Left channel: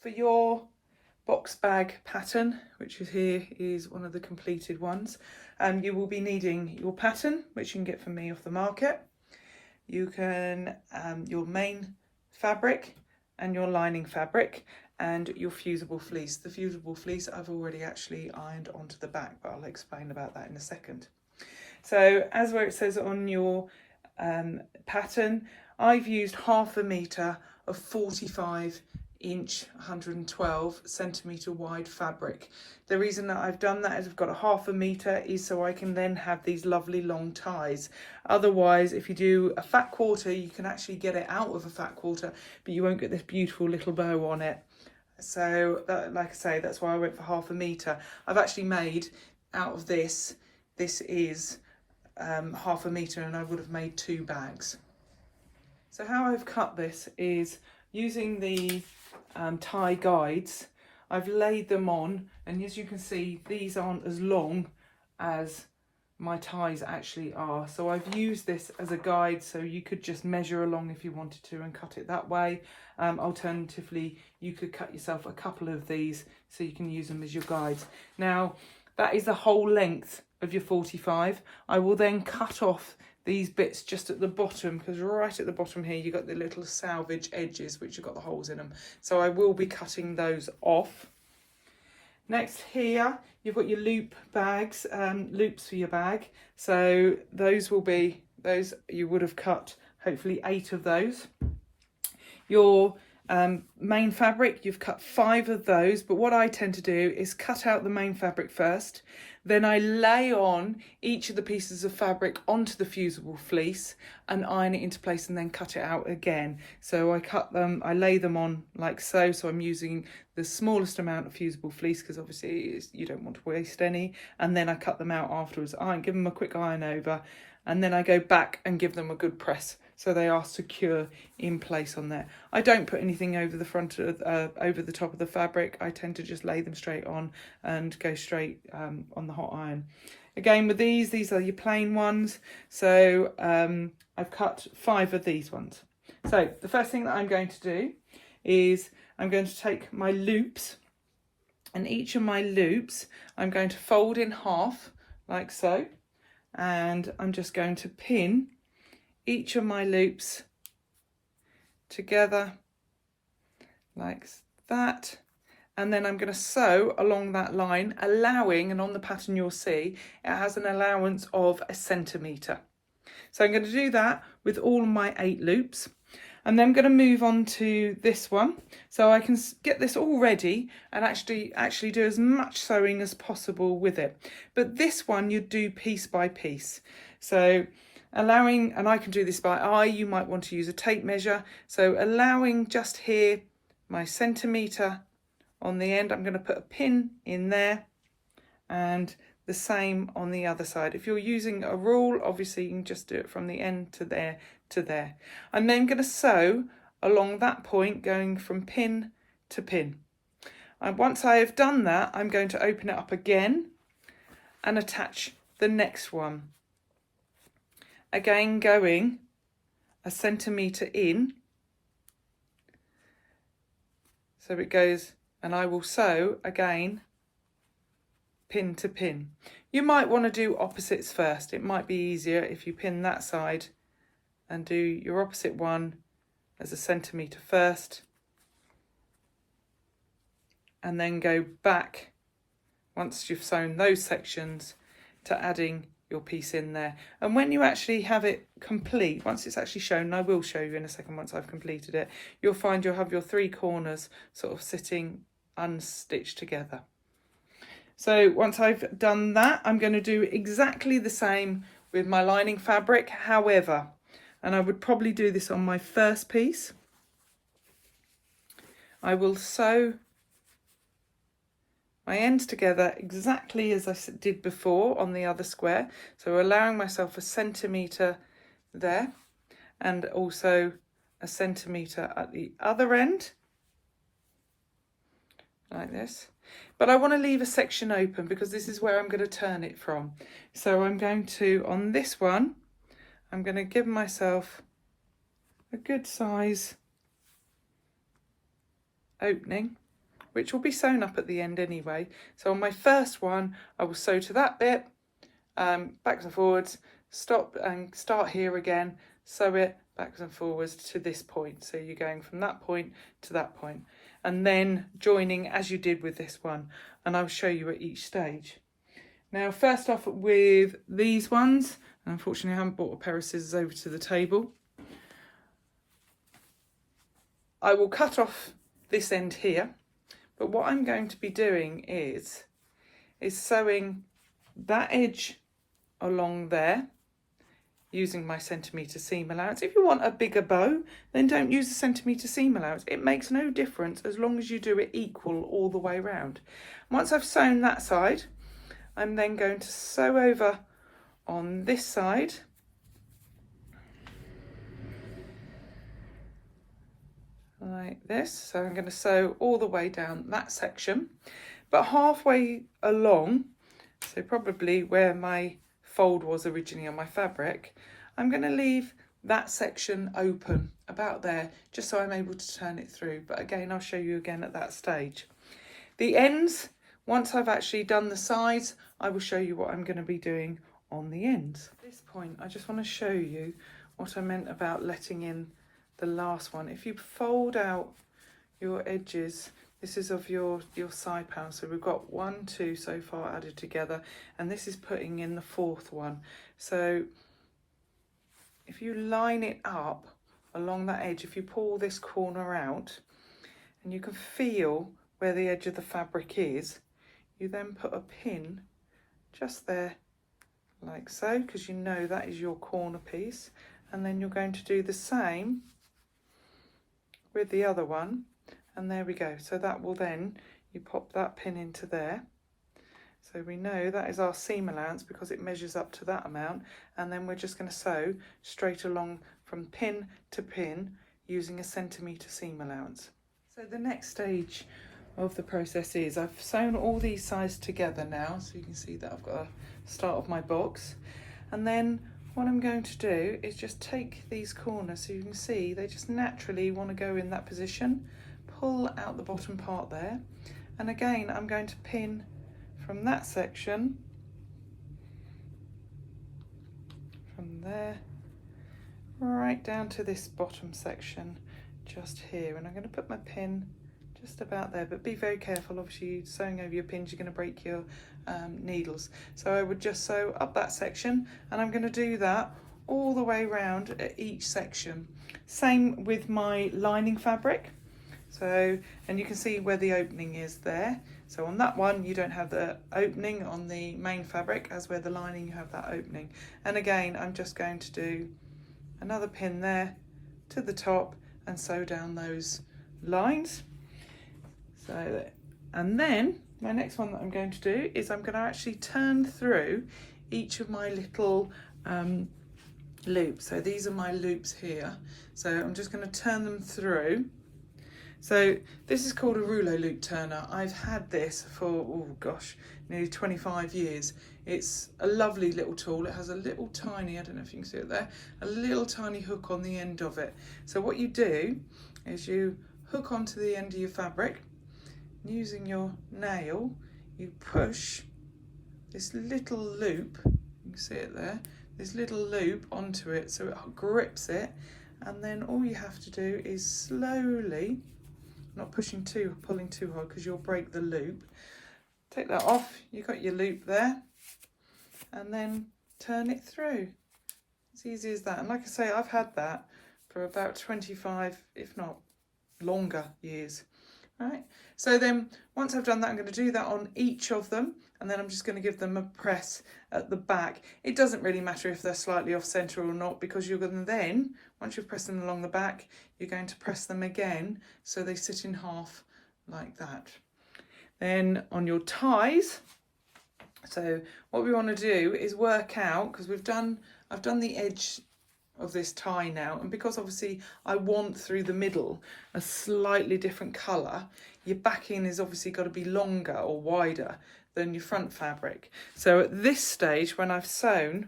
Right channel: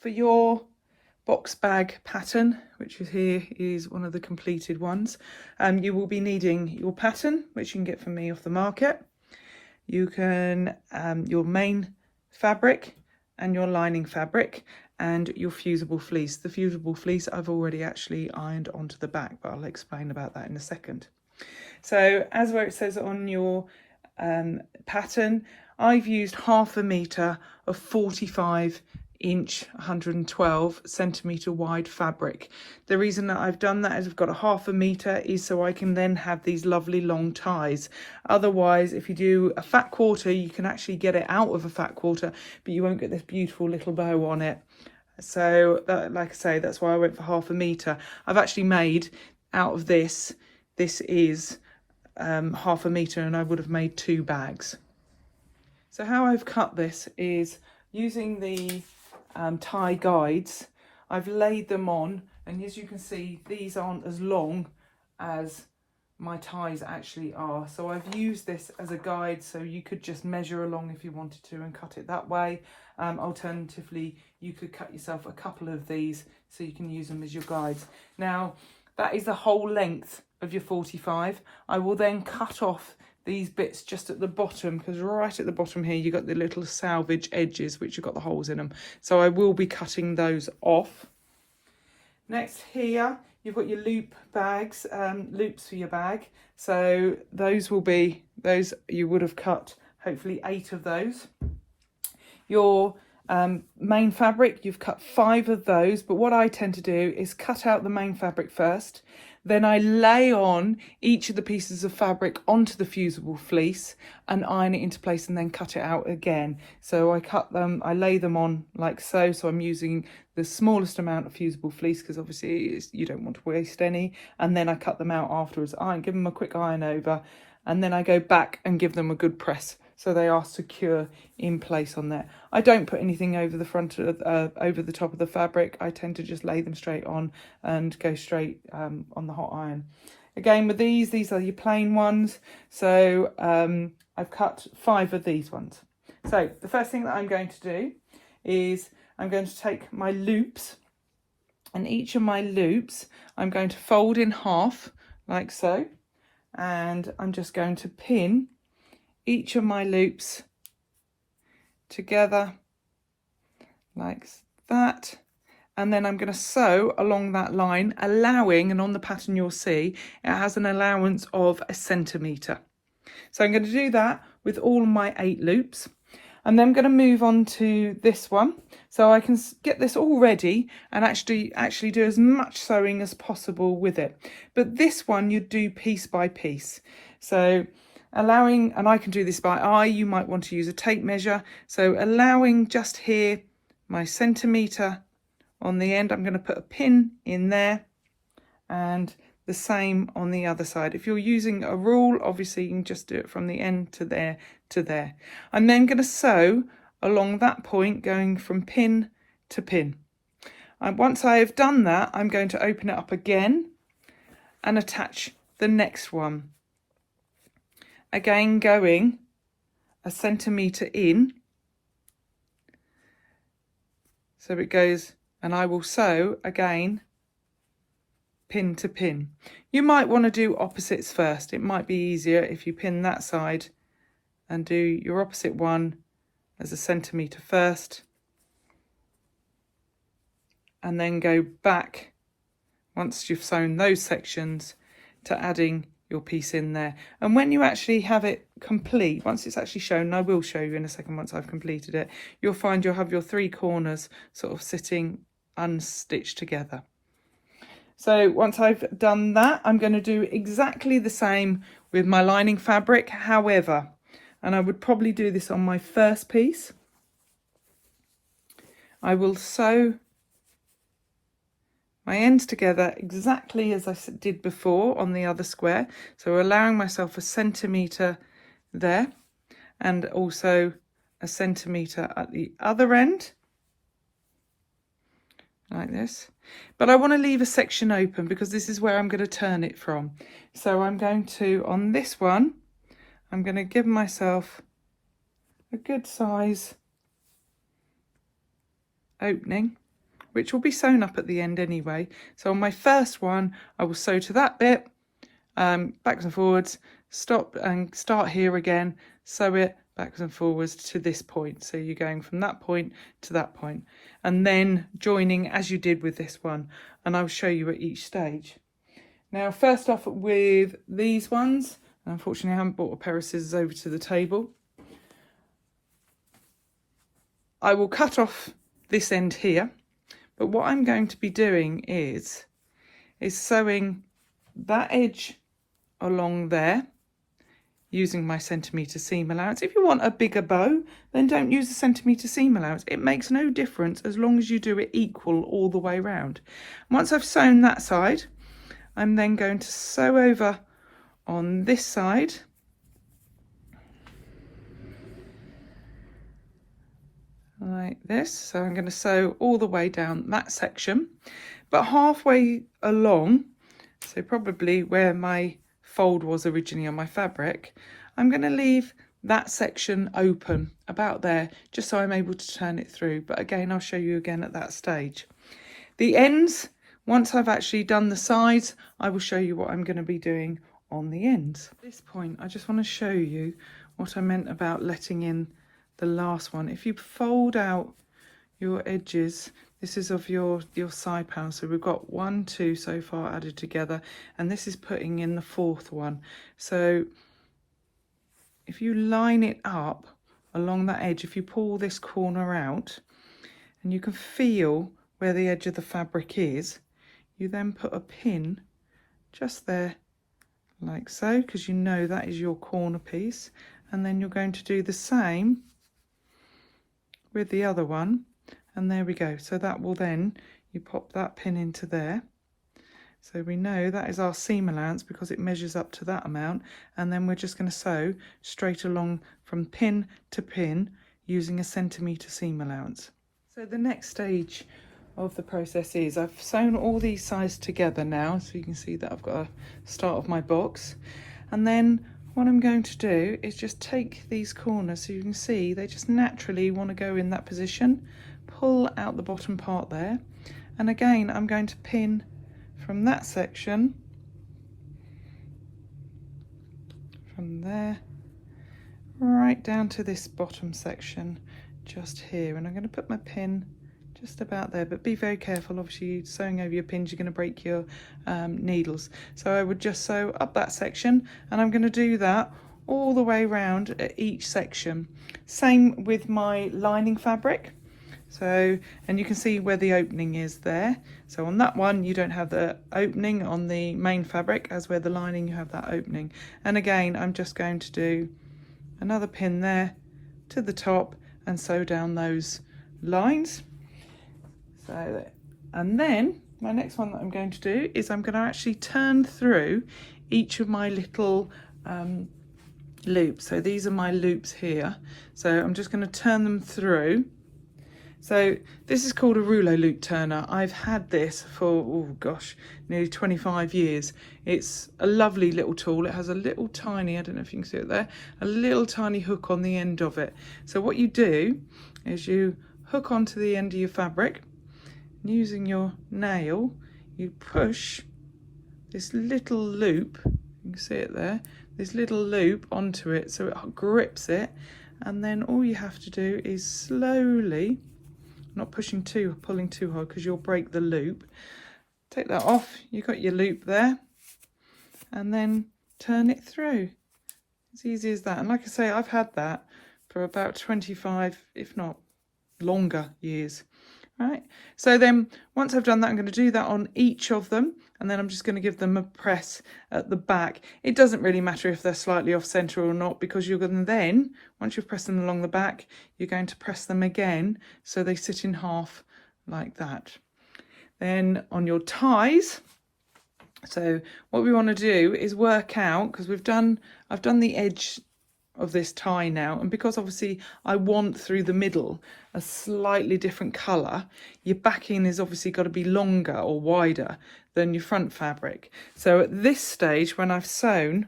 For your box bag pattern, which is here, is one of the completed ones, you will be needing your pattern, which you can get from me off the market. You can your main fabric and your lining fabric and your fusible fleece. The fusible fleece I've already actually ironed onto the back, but I'll explain about that in a second. So as where it says on your pattern, I've used 1/2 metre of 45-inch 112 centimetre wide fabric. The reason that I've done that is I've got a 1/2 metre is so I can then have these lovely long ties. Otherwise, if you do a fat quarter, you can actually get it out of a fat quarter, but you won't get this beautiful little bow on it. So that, like I say, that's why I went for 1/2 metre. I've actually made out of this is 1/2 metre, and I would have made 2 bags. So how I've cut this is using the tie guides. I've laid them on, and as you can see, these aren't as long as my ties actually are. So I've used this as a guide, so you could just measure along if you wanted to and cut it that way. Alternatively, you could cut yourself a couple of these so you can use them as your guides. Now, that is the whole length of your 45. I will then cut off these bits just at the bottom, because right at the bottom here you've got the little salvage edges which have got the holes in them, so I will be cutting those off. Next here you've got your loop bags, loops for your bag, so those you would have cut hopefully 8 of those. Your main fabric, you've cut 5 of those, but what I tend to do is cut out the main fabric first. Then I lay on each of the pieces of fabric onto the fusible fleece and iron it into place, and then cut it out again. So I lay them on like so. So I'm using the smallest amount of fusible fleece because obviously you don't want to waste any. And then I cut them out afterwards. I give them a quick iron over, and then I go back and give them a good press, so they are secure in place on there. I don't put anything over the front of over the top of the fabric. I tend to just lay them straight on and go straight on the hot iron. Again, with these are your plain ones. So I've cut 5 of these ones. So the first thing that I'm going to do is I'm going to take my loops, and each of my loops I'm going to fold in half like so, and I'm just going to pin each of my loops together like that, and then I'm going to sew along that line, allowing, and on the pattern you'll see it has an allowance of 1 centimetre. So I'm going to do that with all my 8 loops, and then I'm going to move on to this one so I can get this all ready and actually do as much sewing as possible with it. But this one you do piece by piece, so allowing, and I can do this by eye, you might want to use a tape measure, so allowing just here my centimetre on the end, I'm going to put a pin in there, and the same on the other side. If you're using a rule, obviously you can just do it from the end to there to there. I'm then going to sew along that point, going from pin to pin. And once I have done that, I'm going to open it up again and attach the next one. Again, going 1 centimetre in, so it goes, and I will sew again pin to pin. You might want to do opposites first. It might be easier if you pin that side and do your opposite one as 1 centimetre first, and then go back once you've sewn those sections to adding your piece in there. And when you actually have it complete, once it's actually shown, and I will show you in a second once I've completed it, you'll find you'll have your 3 corners sort of sitting unstitched together. So once I've done that, I'm going to do exactly the same with my lining fabric. However, and I would probably do this on my first piece, I will sew my ends together exactly as I did before on the other square, so allowing myself 1 centimetre there and also 1 centimetre at the other end like this. But I want to leave a section open because this is where I'm going to turn it from. So I'm going to, on this one, I'm going to give myself a good size opening which will be sewn up at the end anyway. So on my first one, I will sew to that bit, backwards and forwards, stop and start here again, sew it backwards and forwards to this point. So you're going from that point to that point, and then joining as you did with this one, and I'll show you at each stage. Now, first off with these ones, unfortunately I haven't brought a pair of scissors over to the table. I will cut off this end here, but what I'm going to be doing is sewing that edge along there using my centimetre seam allowance. If you want a bigger bow, then don't use the centimetre seam allowance. It makes no difference as long as you do it equal all the way round. Once I've sewn that side, I'm then going to sew over on this side, like this. So I'm going to sew all the way down that section, but halfway along, so probably where my fold was originally on my fabric, I'm going to leave that section open about there, just so I'm able to turn it through. But again, I'll show you again at that stage. The ends, once I've actually done the sides, I will show you what I'm going to be doing on the ends. At this point, I just want to show you what I meant about letting in the last one. If you fold out your edges, this is of your side panel, so we've got 1, 2 so far added together, and this is putting in the fourth one. So if you line it up along that edge, if you pull this corner out and you can feel where the edge of the fabric is, you then put a pin just there like so, because you know that is your corner piece, and then you're going to do the same with the other one, and there we go. So that will then, you pop that pin into there, so we know that is our seam allowance because it measures up to that amount, and then we're just going to sew straight along from pin to pin using a centimetre seam allowance. So the next stage of the process is I've sewn all these sides together now, so you can see that I've got a start of my box, and then what I'm going to do is just take these corners, so you can see they just naturally want to go in that position, pull out the bottom part there, and again I'm going to pin from that section, from there right down to this bottom section just here, and I'm going to put my pin just about there, but be very careful. Obviously, sewing over your pins, you're going to break your needles. So I would just sew up that section, and I'm going to do that all the way around at each section. Same with my lining fabric. So, and you can see where the opening is there. So on that one, you don't have the opening on the main fabric, as where the lining you have that opening. And again, I'm just going to do another pin there to the top and sew down those lines. So, and then my next one that I'm going to do is I'm going to actually turn through each of my little loops. So these are my loops here. So I'm just going to turn them through. So this is called a rouleau loop turner. I've had this for, oh gosh, nearly 25 years. It's a lovely little tool. It has a little tiny, I don't know if you can see it there, a little tiny hook on the end of it. So what you do is you hook onto the end of your fabric. Using your nail, you push this little loop, you can see it there, this little loop onto it so it grips it, and then all you have to do is slowly, not pushing too, pulling too hard because you'll break the loop, take that off, you've got your loop there, and then turn it through. As easy as that. And like I say, I've had that for about 25, if not longer, years. Right, so then once I've done that, I'm going to do that on each of them, and then I'm just going to give them a press at the back. It doesn't really matter if they're slightly off centre or not, because you're going to then, once you've pressed them along the back, you're going to press them again so they sit in half like that. Then on your ties, so what we want to do is work out, because I've done the edge of this tie now, and because obviously I want through the middle a slightly different colour, your backing is obviously got to be longer or wider than your front fabric. So at this stage, when I've sewn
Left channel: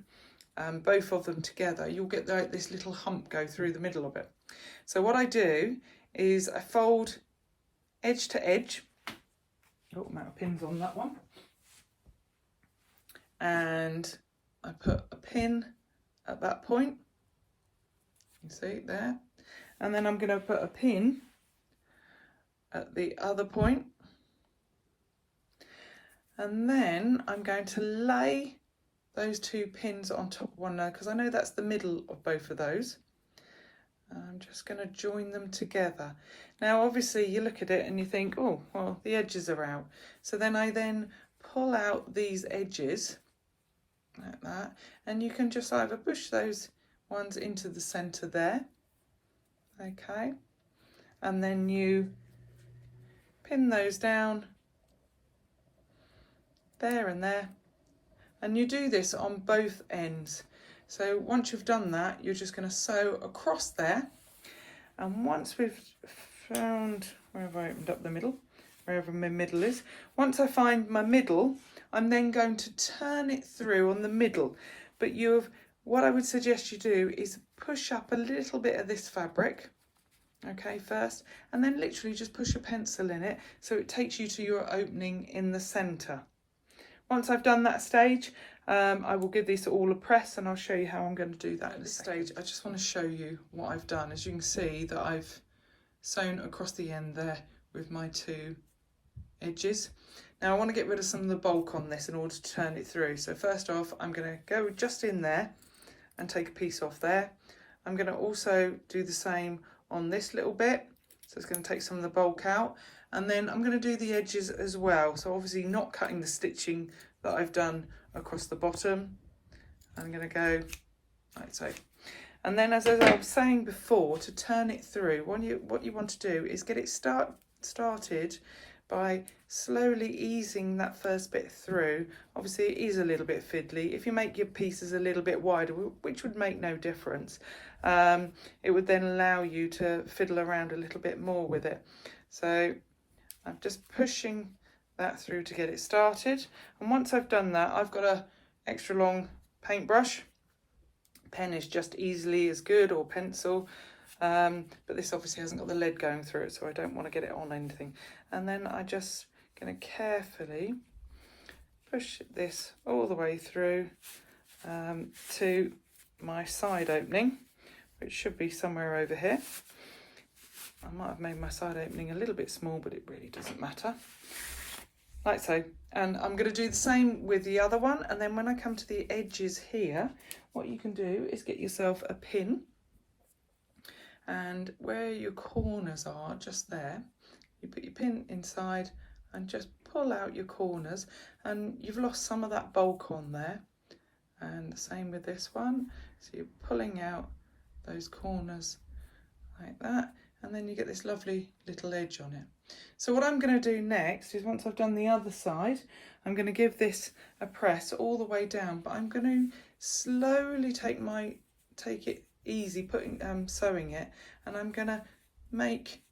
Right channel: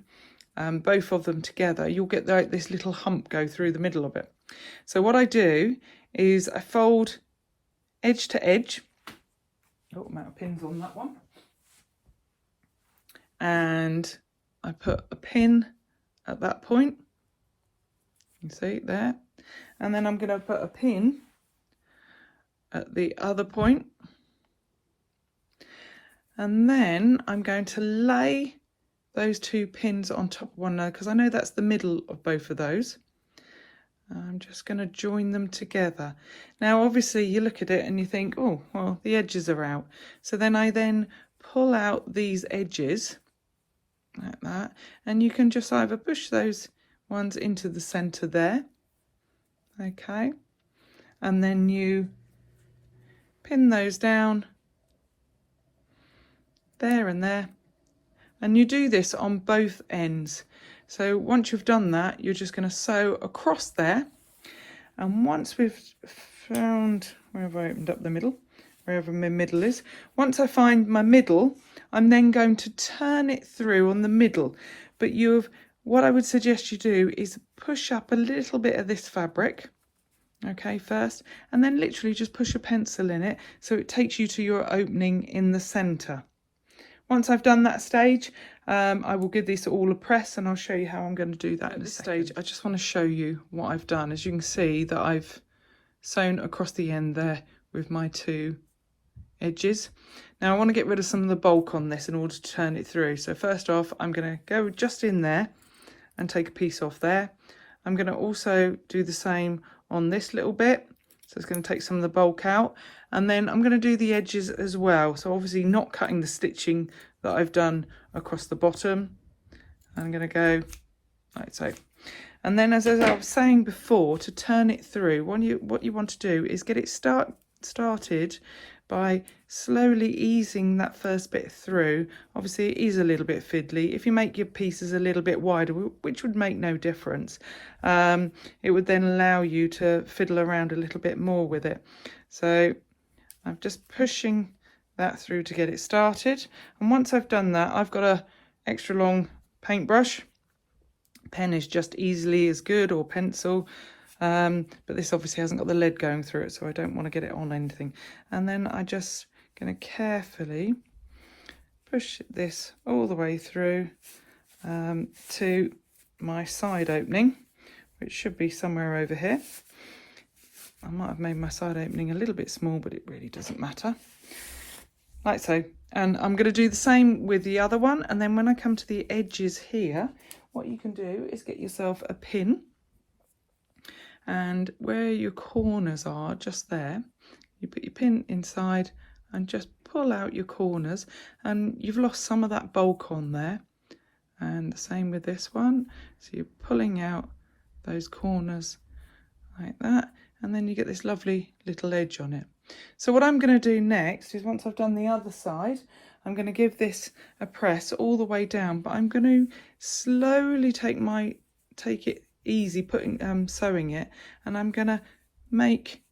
both of them together, you'll get this little hump go through the middle of it. So what I do is I fold edge to edge, Oh, I'm out of pins on that one. And I put a pin at that point. You see there. And then I'm going to put a pin at the other point. And then I'm going to lay those 2 pins on top of one another, because I know that's the middle of both of those. I'm just going to join them together. Now obviously you look at it and you think, oh well, the edges are out, so then I pull out these edges like that, and you can just either push those ones into the center there, okay, and then you pin those down there and there, and you do this on both ends. So once you've done that, you're just going to sew across there, and once we've found, where have I opened up the middle, wherever my middle is, once I find my middle, I'm then going to turn it through on the middle. But what I would suggest you do is push up a little bit of this fabric, okay, first, and then literally just push a pencil in it so it takes you to your opening in the center. Once I've done that stage, I will give this all a press, and I'll show you how I'm going to do that in this stage. I just want to show you what I've done. As you can see that I've sewn across the end there with my 2 edges. Now I want to get rid of some of the bulk on this in order to turn it through. So first off, I'm going to go just in there and take a piece off there. I'm going to also do the same on this little bit. So it's going to take some of the bulk out. And then I'm going to do the edges as well. So obviously not cutting the stitching that I've done across the bottom. I'm going to go like so. And then as I was saying before, to turn it through, what you want to do is get it started by slowly easing that first bit through. Obviously it is a little bit fiddly. If you make your pieces a little bit wider, which would make no difference, it would then allow you to fiddle around a little bit more with it. So I'm just pushing that through to get it started, and once I've done that, I've got a extra long paintbrush. Pen is just easily as good, or pencil, but this obviously hasn't got the lead going through it, so I don't want to get it on anything. And then I just going to carefully push this all the way through to my side opening, which should be somewhere over here. I might have made my side opening a little bit small, but it really doesn't matter. Like so. And I'm going to do the same with the other one, and then when I come to the edges here, what you can do is get yourself a pin, and where your corners are, just there, you put your pin inside and just pull out your corners, and you've lost some of that bulk on there. And the same with this one, so you're pulling out those corners like that, and then you get this lovely little edge on it. So what I'm going to do next is, once I've done the other side, I'm going to give this a press all the way down, but I'm going to slowly take it easy, sewing it, and I'm going to make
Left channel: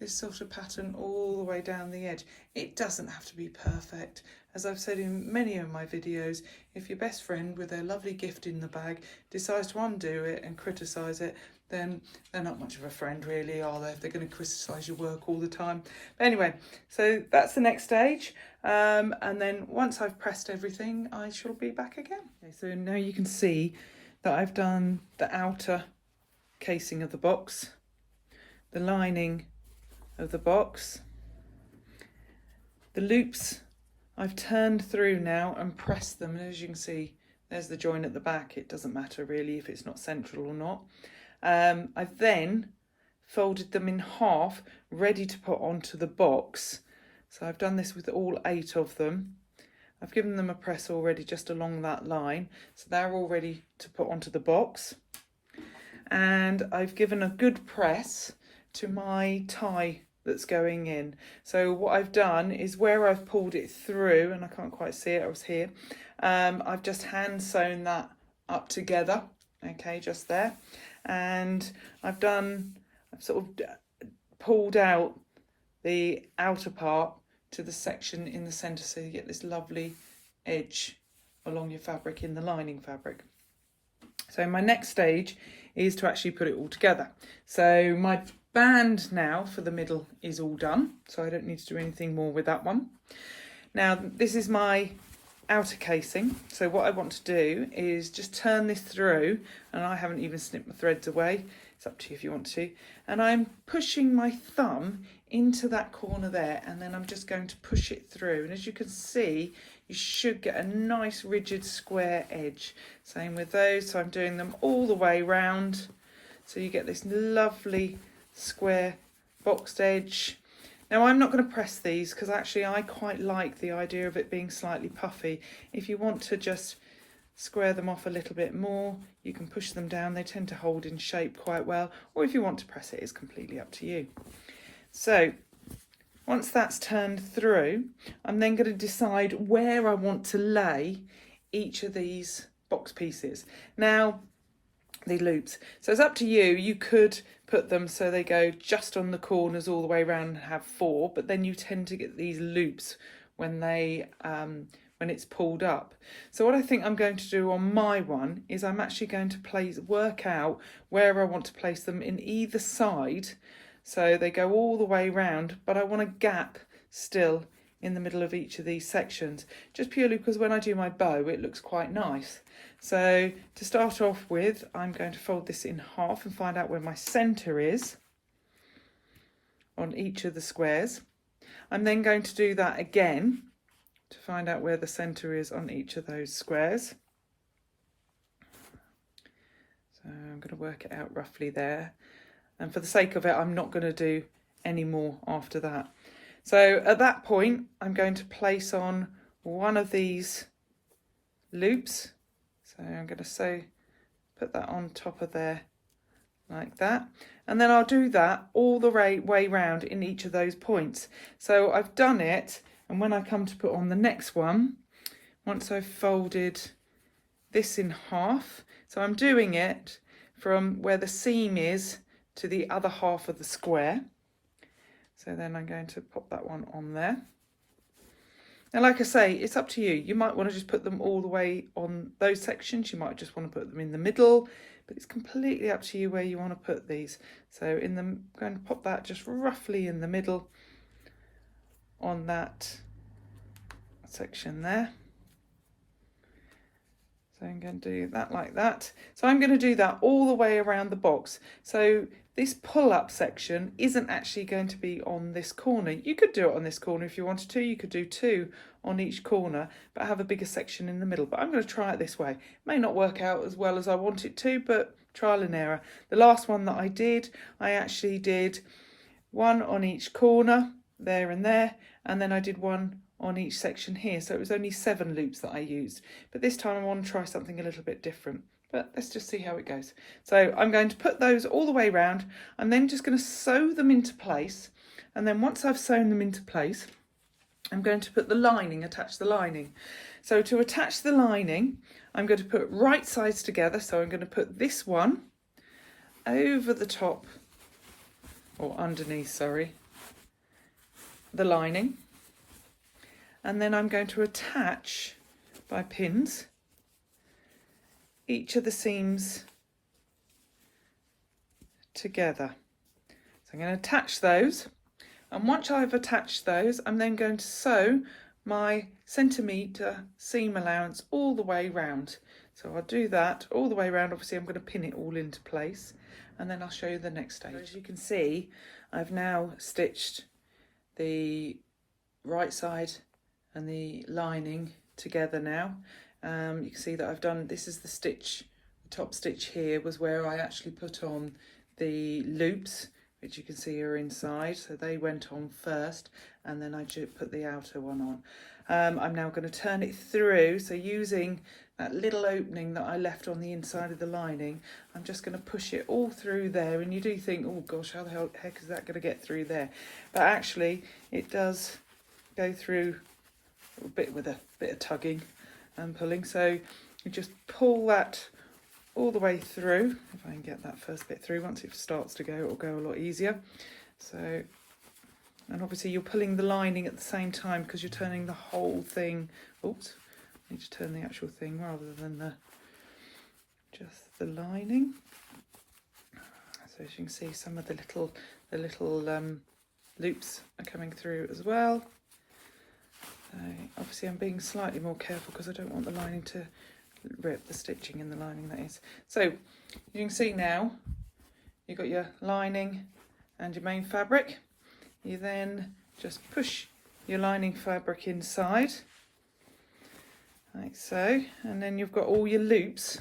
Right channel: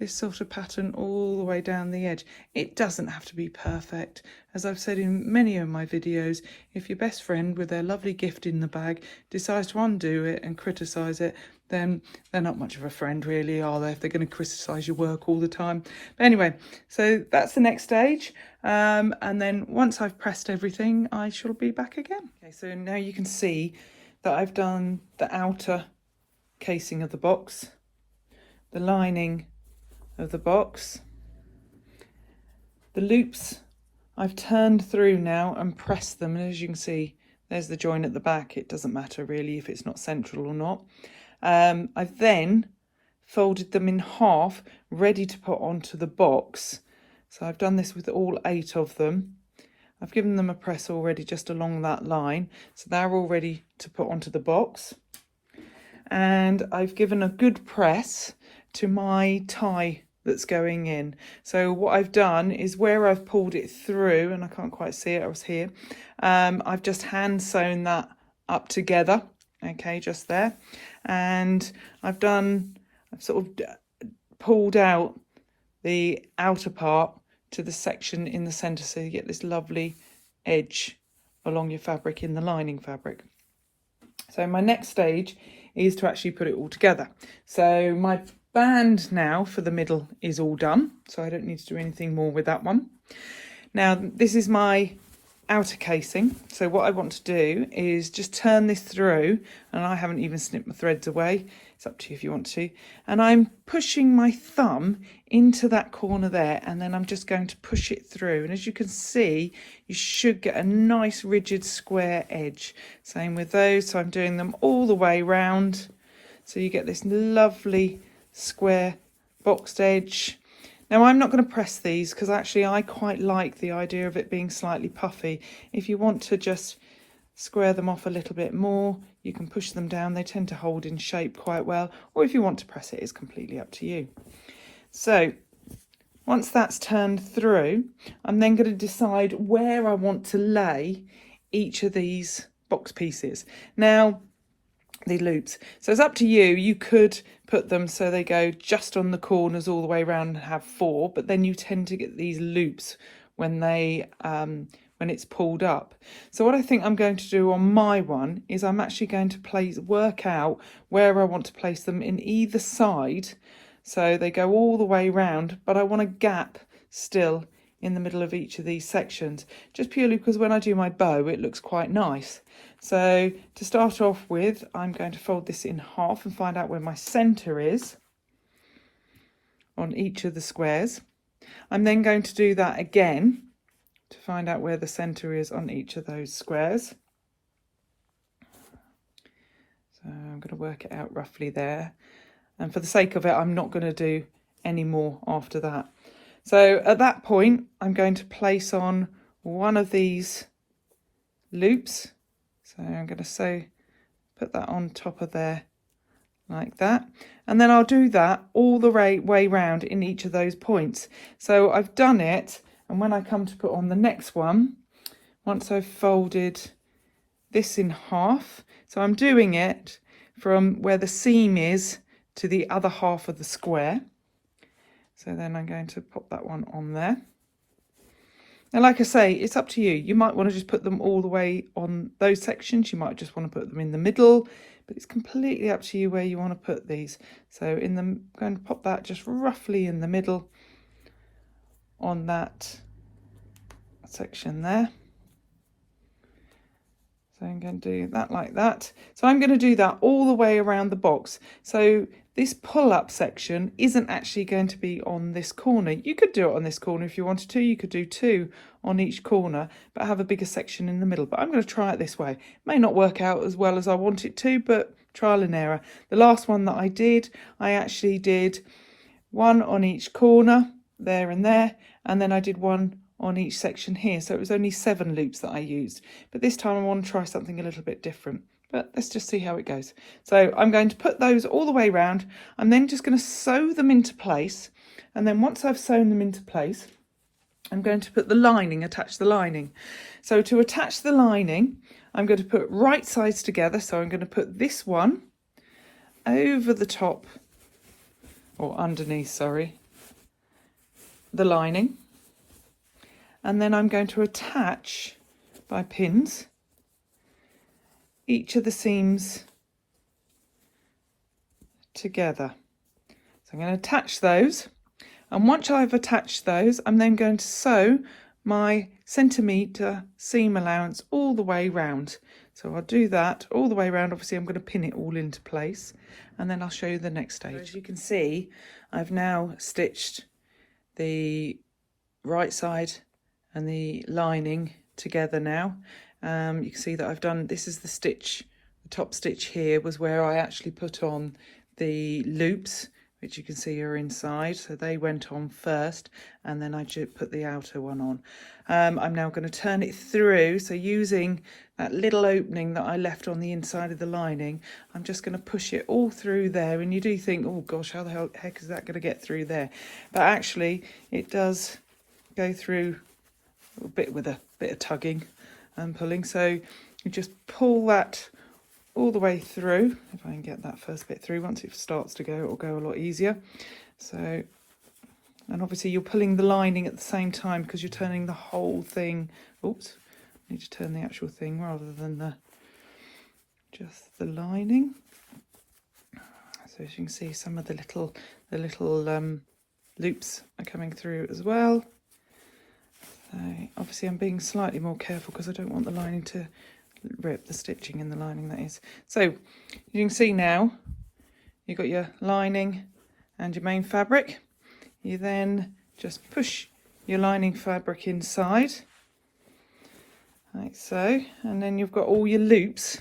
this sort of pattern all the way down the edge. It doesn't have to be perfect. As I've said in many of my videos, if your best friend with their lovely gift in the bag decides to undo it and criticise it, then they're not much of a friend really, are they, if they're going to criticise your work all the time. But anyway, so that's the next stage. And then once I've pressed everything, I shall be back again. Okay, so now you can see that I've done the outer casing of the box, the lining of the box, the loops I've turned through now and pressed them, and as you can see, there's the join at the back. It doesn't matter really if it's not central or not. I've then folded them in half, ready to put onto the box. So I've done this with all 8 of them. I've given them a press already just along that line, so they're all ready to put onto the box. And I've given a good press to my tie that's going in. So what I've done is, where I've pulled it through, and I can't quite see it, I was here, I've just hand sewn that up together, okay, just there. And I've sort of pulled out the outer part to the section in the centre, so you get this lovely edge along your fabric in the lining fabric. So my next stage is to actually put it all together. So my band now for the middle is all done, so I don't need to do anything more with that one. Now this is my outer casing, so what I want to do is just turn this through, and I haven't even snipped my threads away, it's up to you if you want to, and I'm pushing my thumb into that corner there, and then I'm just going to push it through, and as you can see you should get a nice rigid square edge. Same with those, so I'm doing them all the way round, so you get this lovely square boxed edge. Now I'm not going to press these because actually I quite like the idea of it being slightly puffy. If you want to just square them off a little bit more, you can push them down. They tend to hold in shape quite well, or if you want to press it, it's completely up to you. So once that's turned through, I'm then going to decide where I want to lay each of these box pieces. Now, the loops. So it's up to you. You could put them so they go just on the corners all the way around and have 4, but then you tend to get these loops when they when it's pulled up. So what I think I'm going to do on my one is I'm actually going to work out where I want to place them in either side, so they go all the way around, but I want a gap still in the middle of each of these sections, just purely because when I do my bow it looks quite nice. So to start off with, I'm going to fold this in half and find out where my centre is on each of the squares. I'm then going to do that again to find out where the centre is on each of those squares. So I'm going to work it out roughly there, and for the sake of it I'm not going to do any more after that. So at that point I'm going to place on one of these loops. So I'm going to put that on top of there like that, and then I'll do that all the way round in each of those points. So I've done it, and when I come to put on the next one, once I've folded this in half, so I'm doing it from where the seam is to the other half of the square. So then I'm going to pop that one on there. Now, like I say, it's up to you. You might want to just put them all the way on those sections. You might just want to put them in the middle, but it's completely up to you where you want to put these. So I'm going to pop that just roughly in the middle on that section there. So I'm going to do that like that. So I'm going to do that all the way around the box. So this pull-up section isn't actually going to be on this corner. You could do it on this corner if you wanted to. You could do 2 on each corner, but have a bigger section in the middle. But I'm going to try it this way. It may not work out as well as I want it to, but trial and error. The last one that I actually did 1 on each corner, there and there, and then I did 1 on each section here. So it was only 7 loops that I used. But this time I want to try something a little bit different. But let's just see how it goes. So I'm going to put those all the way around. I'm then just going to sew them into place. And then once I've sewn them into place, I'm going to put the lining, attach the lining. So to attach the lining, I'm going to put right sides together. So I'm going to put this one over the top, or underneath, sorry, the lining. And then I'm going to attach by pins each of the seams together. So I'm going to attach those, and once I've attached those, I'm then going to sew my centimetre seam allowance all the way round. So I'll do that all the way around. Obviously I'm going to pin it all into place, and then I'll show you the next stage. As you can see, I've now stitched the right side and the lining together now. You can see that I've done, this is the stitch, the top stitch here was where I actually put on the loops, which you can see are inside. So they went on first, and then I put the outer one on. I'm now going to turn it through. So using that little opening that I left on the inside of the lining, I'm just going to push it all through there. And you do think, oh gosh, how the heck is that going to get through there? But actually it does go through a bit with a bit of tugging and pulling. So you just pull that all the way through. If I can get that first bit through, once it starts to go, it'll go a lot easier. So, and obviously you're pulling the lining at the same time because you're turning the whole thing. Oops, I need to turn the actual thing rather than just the lining. So So as you can see, some of the little loops are coming through as well. Obviously I'm being slightly more careful because I don't want the lining to rip, the stitching in the lining that is. So you can see now you've got your lining and your main fabric. You then just push your lining fabric inside, like so, and then you've got all your loops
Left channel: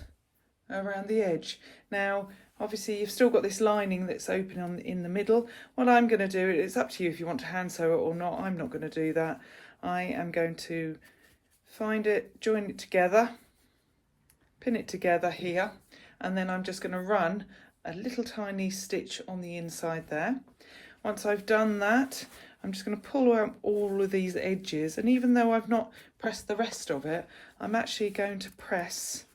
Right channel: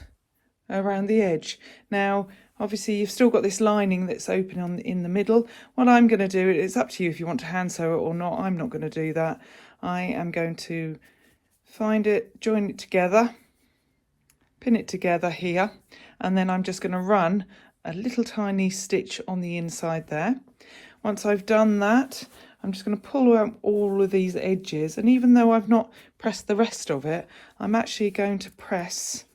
around the edge. Now obviously you've still got this lining that's open in the middle. What I'm going to do, it's up to you if you want to hand sew it or not. I'm not going to do that. I am going to find it, join it together, pin it together here, and then I'm just going to run a little tiny stitch on the inside there. Once I've done that, I'm just going to pull out all of these edges, and even though I've not pressed the rest of it, I'm actually going to press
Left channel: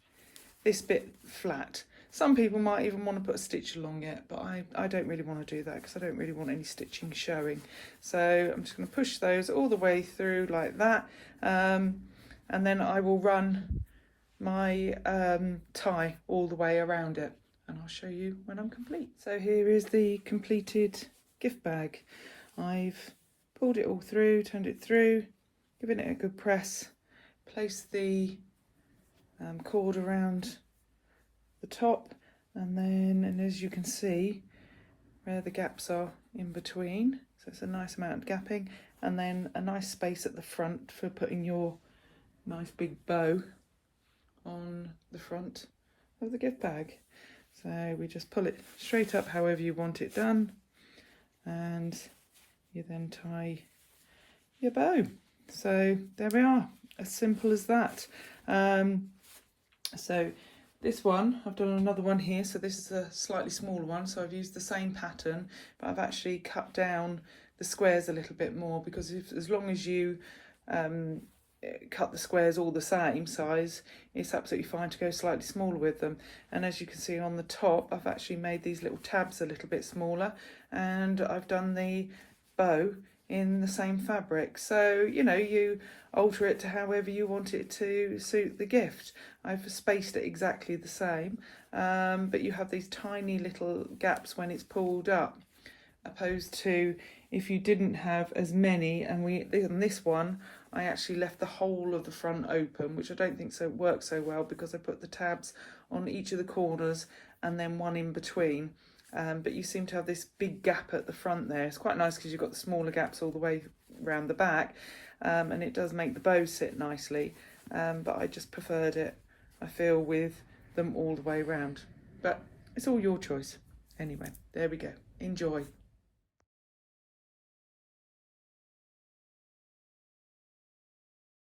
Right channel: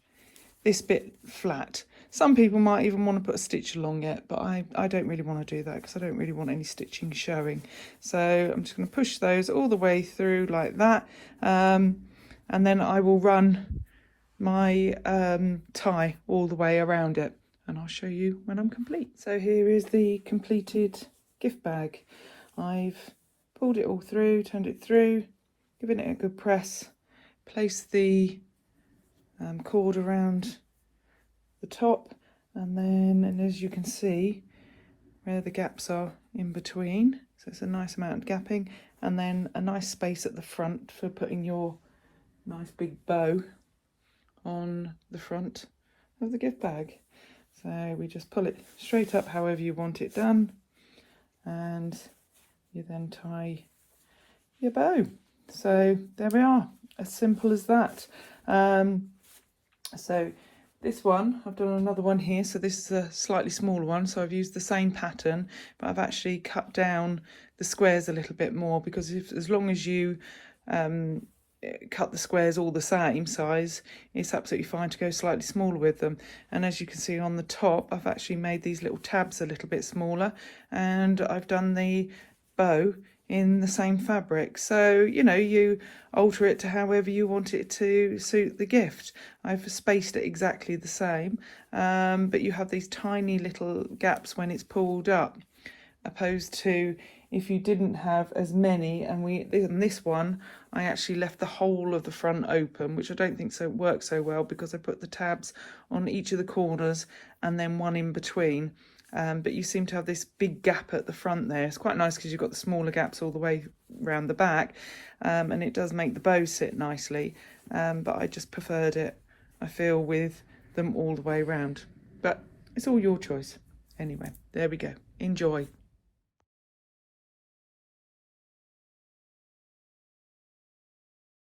this bit flat. Some people might even want to put a stitch along it, but I don't really want to do that because I don't really want any stitching showing. So I'm just going to push those all the way through like that, and then I will run my tie all the way around it, and I'll show you when I'm complete. So here is the completed gift bag. I've pulled it all through, turned it through, given it a good press, placed the cord around the top, and as you can see where the gaps are in between, so it's a nice amount of gapping, and then a nice space at the front for putting your nice big bow on the front of the gift bag. So we just pull it straight up however you want it done, and you then tie your bow. So there we are, as simple as that. So this one, I've done another one here, so this is a slightly smaller one, so I've used the same pattern, but I've actually cut down the squares a little bit more, because as long as you cut the squares all the same size, it's absolutely fine to go slightly smaller with them. And as you can see on the top, I've actually made these little tabs a little bit smaller, and I've done the bow in the same fabric. So you know, you alter it to however you want it to suit the gift. I've spaced it exactly the same, but you have these tiny little gaps when it's pulled up, opposed to if you didn't have as many. And in this one I actually left the whole of the front open, which I don't think works so well, because I put the tabs on each of the corners and then one in between. But you seem to have this big gap at the front there. It's quite nice because you've got the smaller gaps all the way around the back, and it does make the bow sit nicely, but I just preferred it, I feel, with them all the way around. But it's all your choice. Anyway, there we go. Enjoy.